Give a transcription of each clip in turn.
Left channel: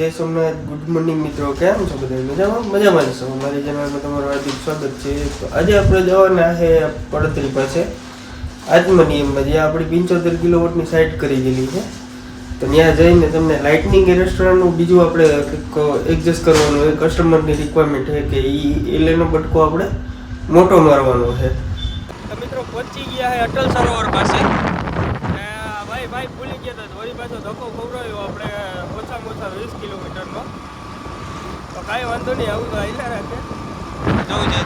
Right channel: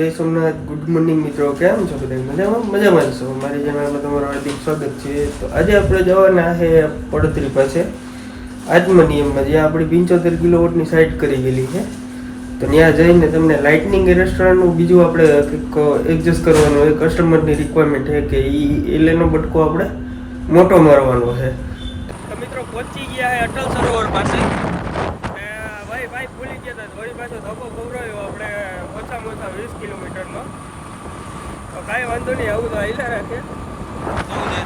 જય Somnath good morning મિત્રો. કેમ છો બધા? મજામાં? મજામાં જ છો. મારી ચેનલમાં તમારું હાર્દિક સ્વાગત છે. તો આજે આપણે જવાના છે પડતરી પાસે. આત્મનિયમમાં જ્યાં આપણી પંચોતેર કિલોવોટની સાઇટ કરી ગયેલી છે. તો ત્યાં જઈને તમને લાઇટનિંગ રેસ્ટોરન્ટનું બીજું આપણે કંઈક એડજસ્ટ કરવાનું હોય કસ્ટમરની રિક્વાયરમેન્ટ છે કે એ એલેનો બટકો આપણે મોટો મારવાનો છે. મિત્રો પહોંચી ગયા છે અટલ સરોવર પાસે. ભાઈ ભાઈ ભૂલી ગયા હતા. વળી પાછો ધક્કો ખવડાવ્યો આપણે. વીસ કિલોમીટરનો. તો કાંઈ વાંધો નહીં, આવું તો હાઈલા રાખે. જવું છે.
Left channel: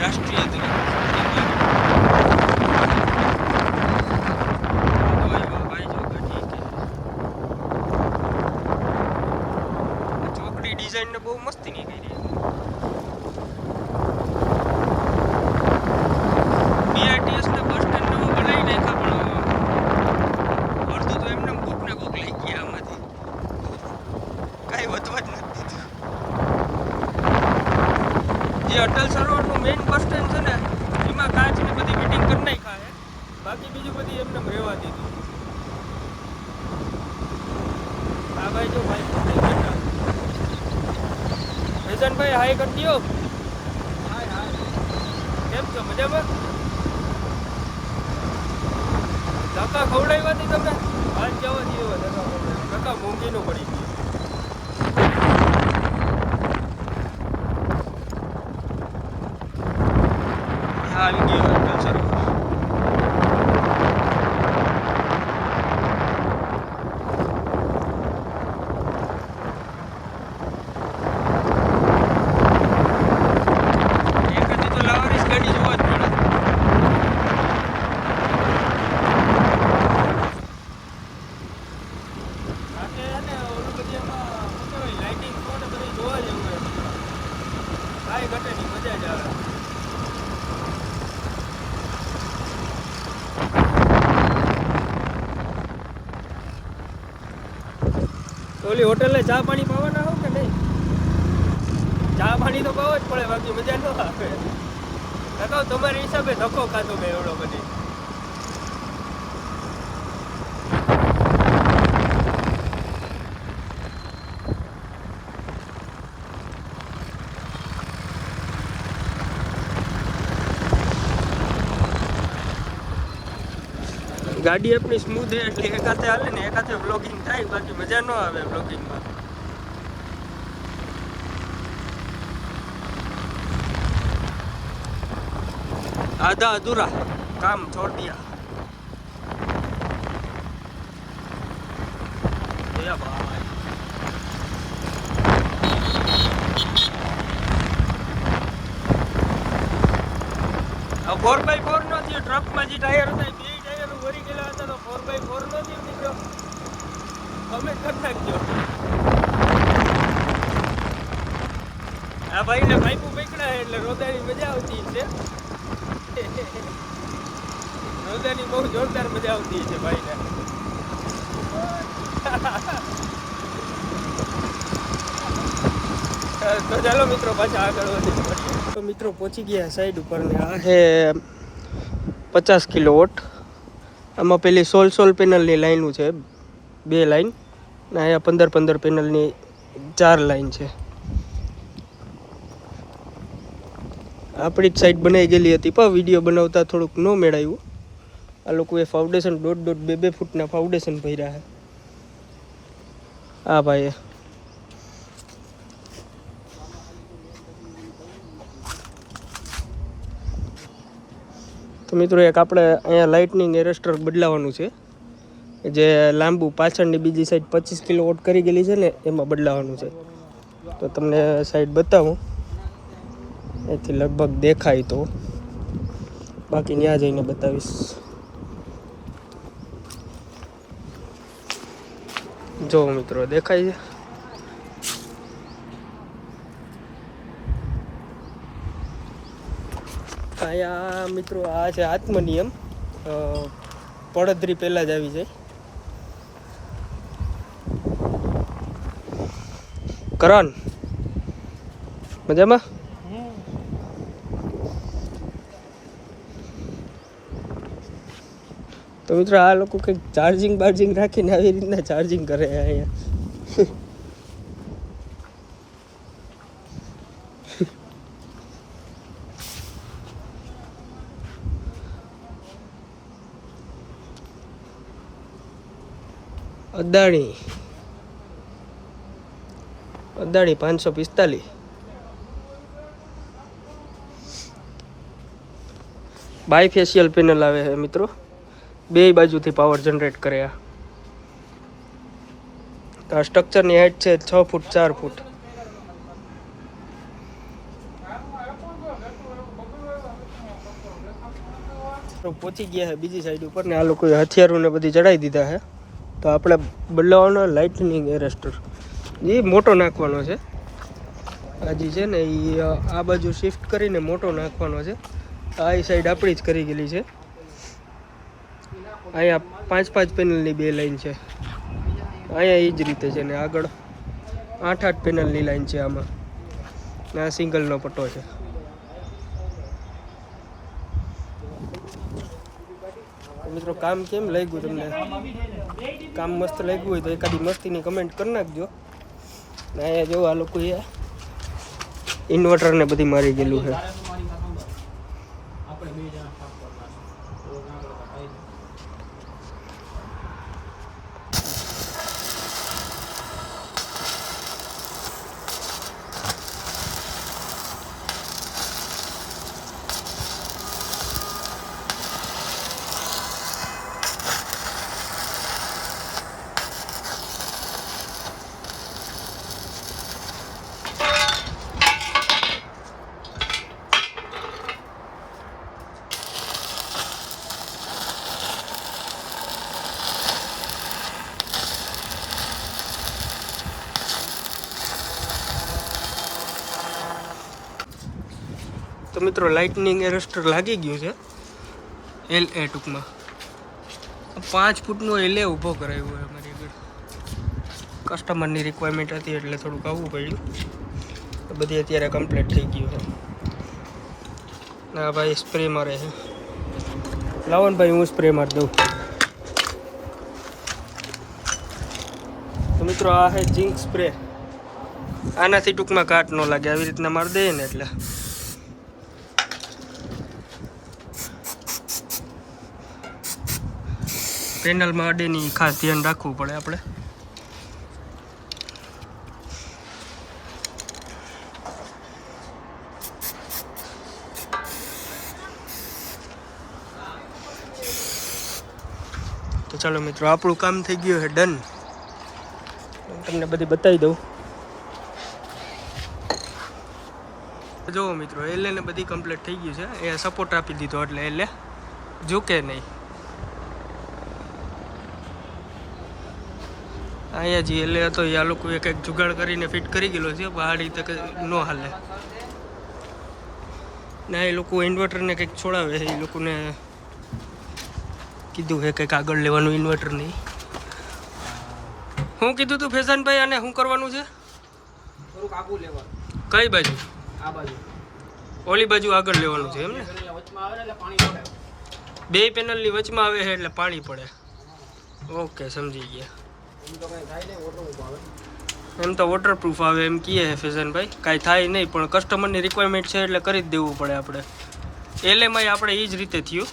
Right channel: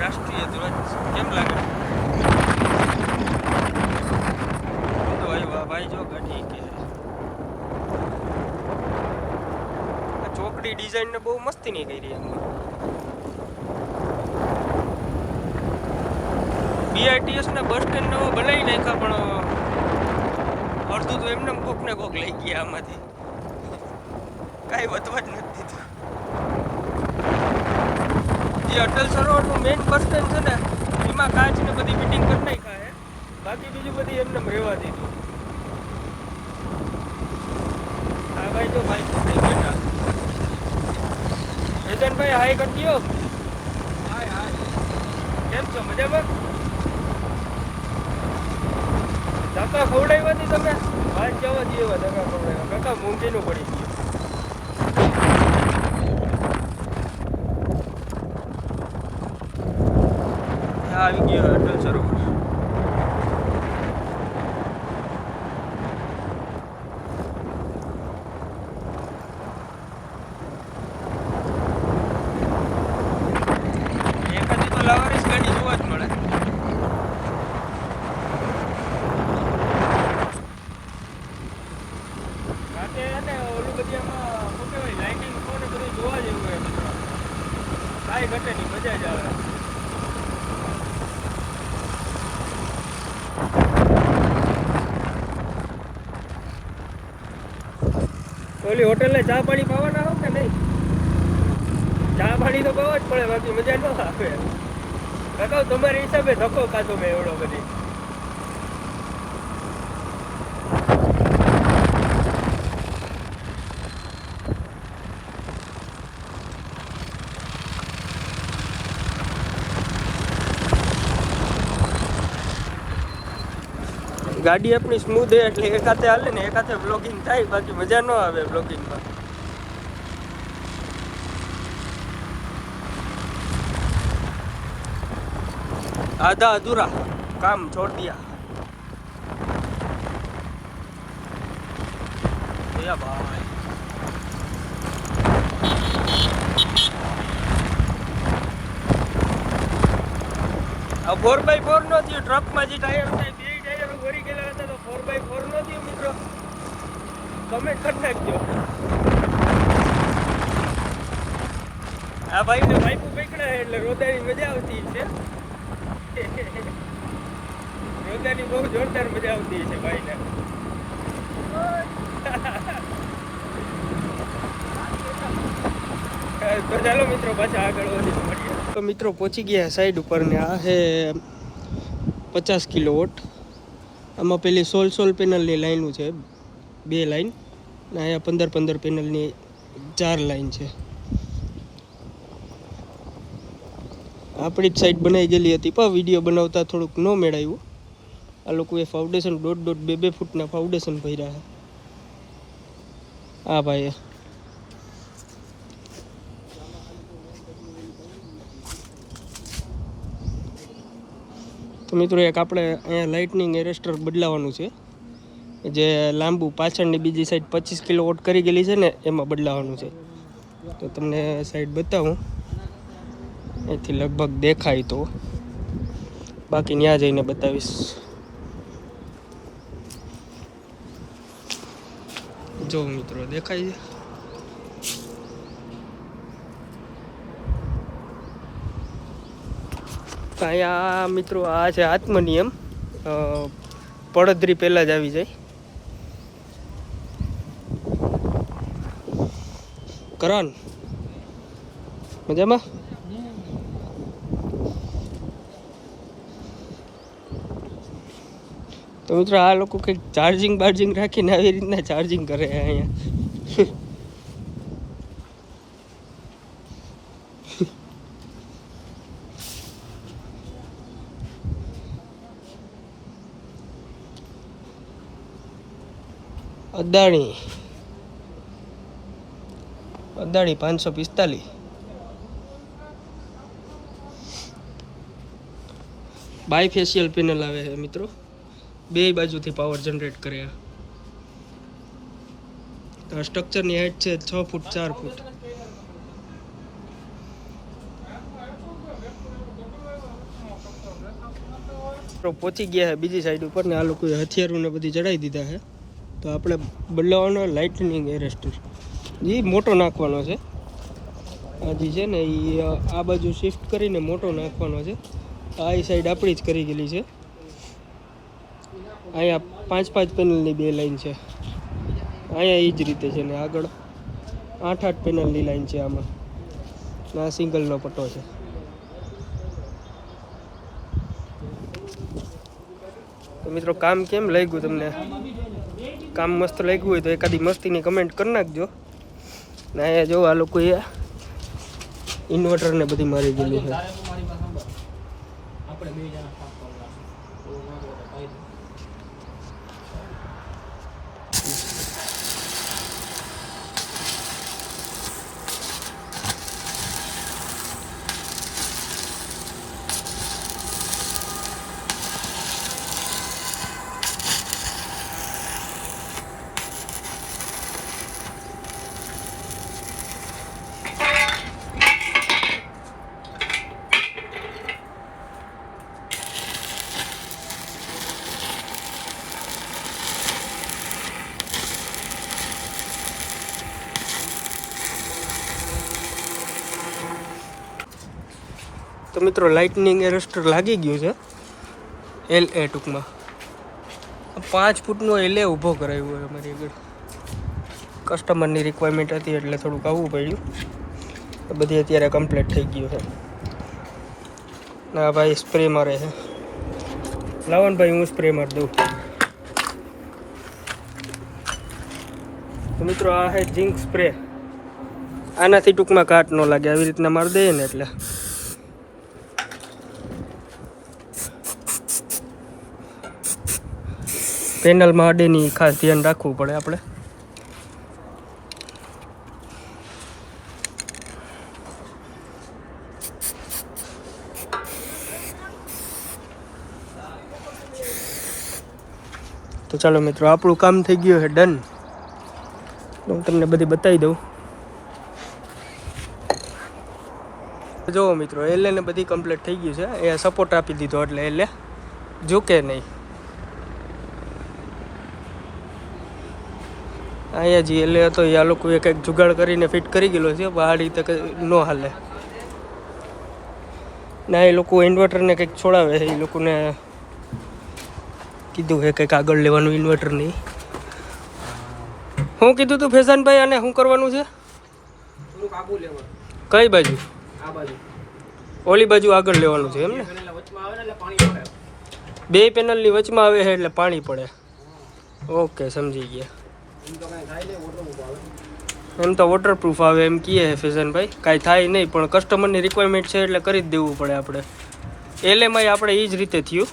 રાષ્ટ્રીય આ ચોકડી ડિઝાઇન ને બહુ મસ્તી નહીં કરી બીઆરટીએસ ના બસ સ્ટેન્ડ નવો બનાવી નાખ્યા પણ એમને કોક લઈ ગયા આમાંથી. કાંઈ વધવા જ નથી જે અટલ સરોવરનું મેઇન બસ સ્ટેન્ડ છે ને, એમાં કાચ ને બધી ફિટિંગ કરી નાખી. બાકી બીજી બધી એમને રહેવા દીધી. હા ભાઈ જો ભાઈ વેજનભાઈ હાય કરી દો. હાય હાય. કેમ છો? મજામાં? ધક્કા ખવડાવ્યા તમે પાંચ જવા જેવા ધક્કા ખવડાવ્યા ધક્કા મોંઘીનું પડી ગયું આવી ગયો અટલ સરોવર એક હજી તો લાવારીસ ગાડી જોવા જ મળે આજે એને ઓલું બધી એમાં પકડાવી લાઇટિંગ ને બધી જોવા જેવું હોય કાંઈ ઘટે નહીં મજા જ આવે ઓલી હોટેલને ચા પાણી પાવાના હો કે નહીં? ચા પાણી તો પાવા જ પડે, બાકી મજા ન આવે. તમારી હિસાબે ધક્કો ખાધો મેં એવડો બધી. ગાડી આપણી સ્મૂથ હે એટલે એકાતે હાલે ને એકાતે બ્લોગિંગ થાય, બાકી મજા ન આવે બ્લોગિંગમાં આધા અધૂરા, કામ છોડ દિયા ભાઈ. ફોર બાય ફોર નો ટ્રકમાં જે ટાયર થાય બે ગયેલા હતા તો ફોર બાય ફોર નથી મિત્રો કમેન્ટ કરી નાખજો. આ ભાઈને પાઇપો પકડા એટલે રોદાની મજા આવતી છે. રોદાની બહુ જોરદાર મજા આવતી છે ભાઈને. તો ચાલો મિત્રો પાછા આગળ વધી મળીએ તો મિત્રો પહોંચી ગયા સાઈડ ઉપર ને આ છે પચાસ કિલો વોટ આમાં પેલી સોલ સોલ પેનલની લાઈનું છે, બે લાઈન અને અહીંયા પંદર પંદર પેનલની ચાર લાઈન છે. આપણી જ સાઈડ બનાવી ગયેલી હતી, પણ વીડિયો બનાવતા થોડુંક ન મેળાયું. આ લોકોએ ફાઉન્ડેશન દોઢ દોઢ બે બે ફૂટના ફાઉન્ડેશન ભર્યા હા ભાઈ તો મિત્રો એક આપણે અહીંયા લાઇટનિંગ એરેસ્ટર બદલાવાનું છે. જે લાંબુ પાછળની બીજી સાઈડ પચીસ કિલો વોટ કરી ગયેલી છે ને, એમાં બદલાવાનું છે. તો તમને સાઈડ બતાવું. એથી લગભગ દેખાય તો. બાકી ત્યાં જઈને બતાવીશ. જો મિત્રો, દેખાય છે? તો અહીંયા મિત્રો આ છે આત્મનિયમ. પડદરી પહેલાં જ આવી જાય. કરણ, મજામાં? તો મિત્રો આ લોકો કંઈક ચાર્જિંગ બાર્જિંગ રાખીને આવી રીતના ચાર્જિંગ કરે અહીંયા. અદાણી. અદાણી પાંચસો પિસ્તાલીસ. બાય ફેશિયલ પેનલ આવે છે મિત્રો. બે બાજુથી પાવર જનરેટ કરે આ. સ્ટ્રક્ચરની હાઈટ છે છ ફૂટ ચાર ફૂટ. પહોંચી ગયા છે બીજી સાઈડ ઉપર ને આ લોકોએ હથિયારોને બધી ચડાવી દીધા છે. તો આપણે બદલાવાનો લાઇટનિંગ એરેસ્ટર એ મોટો નાખવાનો છે. આ છે ને એ આ બાજુ શિફ્ટ કરીને મોટો નાખવાનો છે. આ સાઈડ આપણી જ કરી ગયેલી છે. અહીંયા પાંચ પાંચ પેનલની બે લાઈન છે. અહીંયા એ જ રીતે છે ને આગળ આઠ આઠ પેનલની લાઈન છે આમાં. ને આ સિંગલનો પટ્ટો છે. મિત્રો કામ કેમ લાગ્યું તમને? કામ મસ્ત લાગ્યું હોય તો એકાદી મસ્તીની કમેન્ટ કરી નાખજો. ને અહીંયા જો આ લોકોએ ઇન્વર્ટરને બધી મારી ગયેલું છે. તો મિત્રો લાઇટનિંગ એરેસ્ટર લાગી ગયું છે. એલ એ ટૂંકમાં. પાંચ ફૂટનો એલે ઊભો કરાવ્યો હોય અમારી આગળ. કસ્ટમરની રિક્વાયરમેન્ટ હતી એટલે થોડુંક આવવું પડ્યું. બધી અત્યારે કમ્પ્લીટ થઈ ગયું છે. ના ભાઈ સ્પ્રે મારે છે. લાવો ને ભાઈ, હું સ્પ્રે મારી દઉં. તો મિત્રો, આ છે જિંક સ્પ્રે આનાથી ટૂંકમાં કાટ ન લાગે. આવી રીતના મારી દઈએ ને એટલે. પેનલમાં અડેની ખાસ ધ્યાન રાખવું પડે આપણે. તો ચાલો મિત્રો, આપણું કામ થઈ ગયું છે, ડન. હું તમને બધી બતાવી દઉં. જુઓ મિત્રો એટલે બધી કમ્પ્લીટ થઈ ગયું છે. એ સપોર્ટ આપી દીધો એટલે એટલે ઝૂકે નહીં. અહીંયા જે એટલે હતો એ આ લોકોએ કંઈક જુગાડ કરીને ફિટ કરી ગયેલો છે પણ આ રીતે ન હાલે. ના એ લોકો ઇન્વર્ટરને કંઈક છોડાવે છે એ લોકોને કીધું છે કંઈક આગળ લેવાનું ઇન્વર્ટર નહીં શું કીધું તું ફેશનભાઈ અને શું કરવાનું છે? કઈ બાજુ? આ બાજુ. ઓલી બાજુ આગળ લેવાનું છે એમ ને? એટલે વચમાં આવે ને એટલે પાણી પડે. બે પેનલની વચમાં આવે છે એટલે પાણી પડે. ઓકે સમજી ગયા. એમ તો વોટરપ્રૂફ આવે એમ કીએ ફેશનભાઈ કાંઈ થાય નહીં, પણ કસ્ટમરની રિક્વાયરમેન્ટ છે એટલે કરી જ દેવું પડે આપણે. એલએમઆઈ આપણે એ જ રીતે થયું.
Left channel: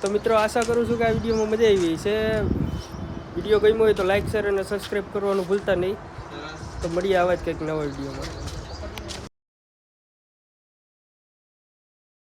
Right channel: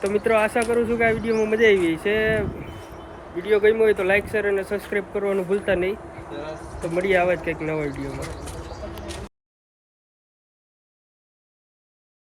તો મિત્રો આશા કરું છું કે આ વિડીયોમાં મજા આવી છે વીડિયો ગમ્યો હોય તો લાઈક શેર અને સબસ્ક્રાઈબ કરવાનું ભૂલતા નહીં. તો મળીએ આવા જ કંઈક નવા વિડીયોમાં.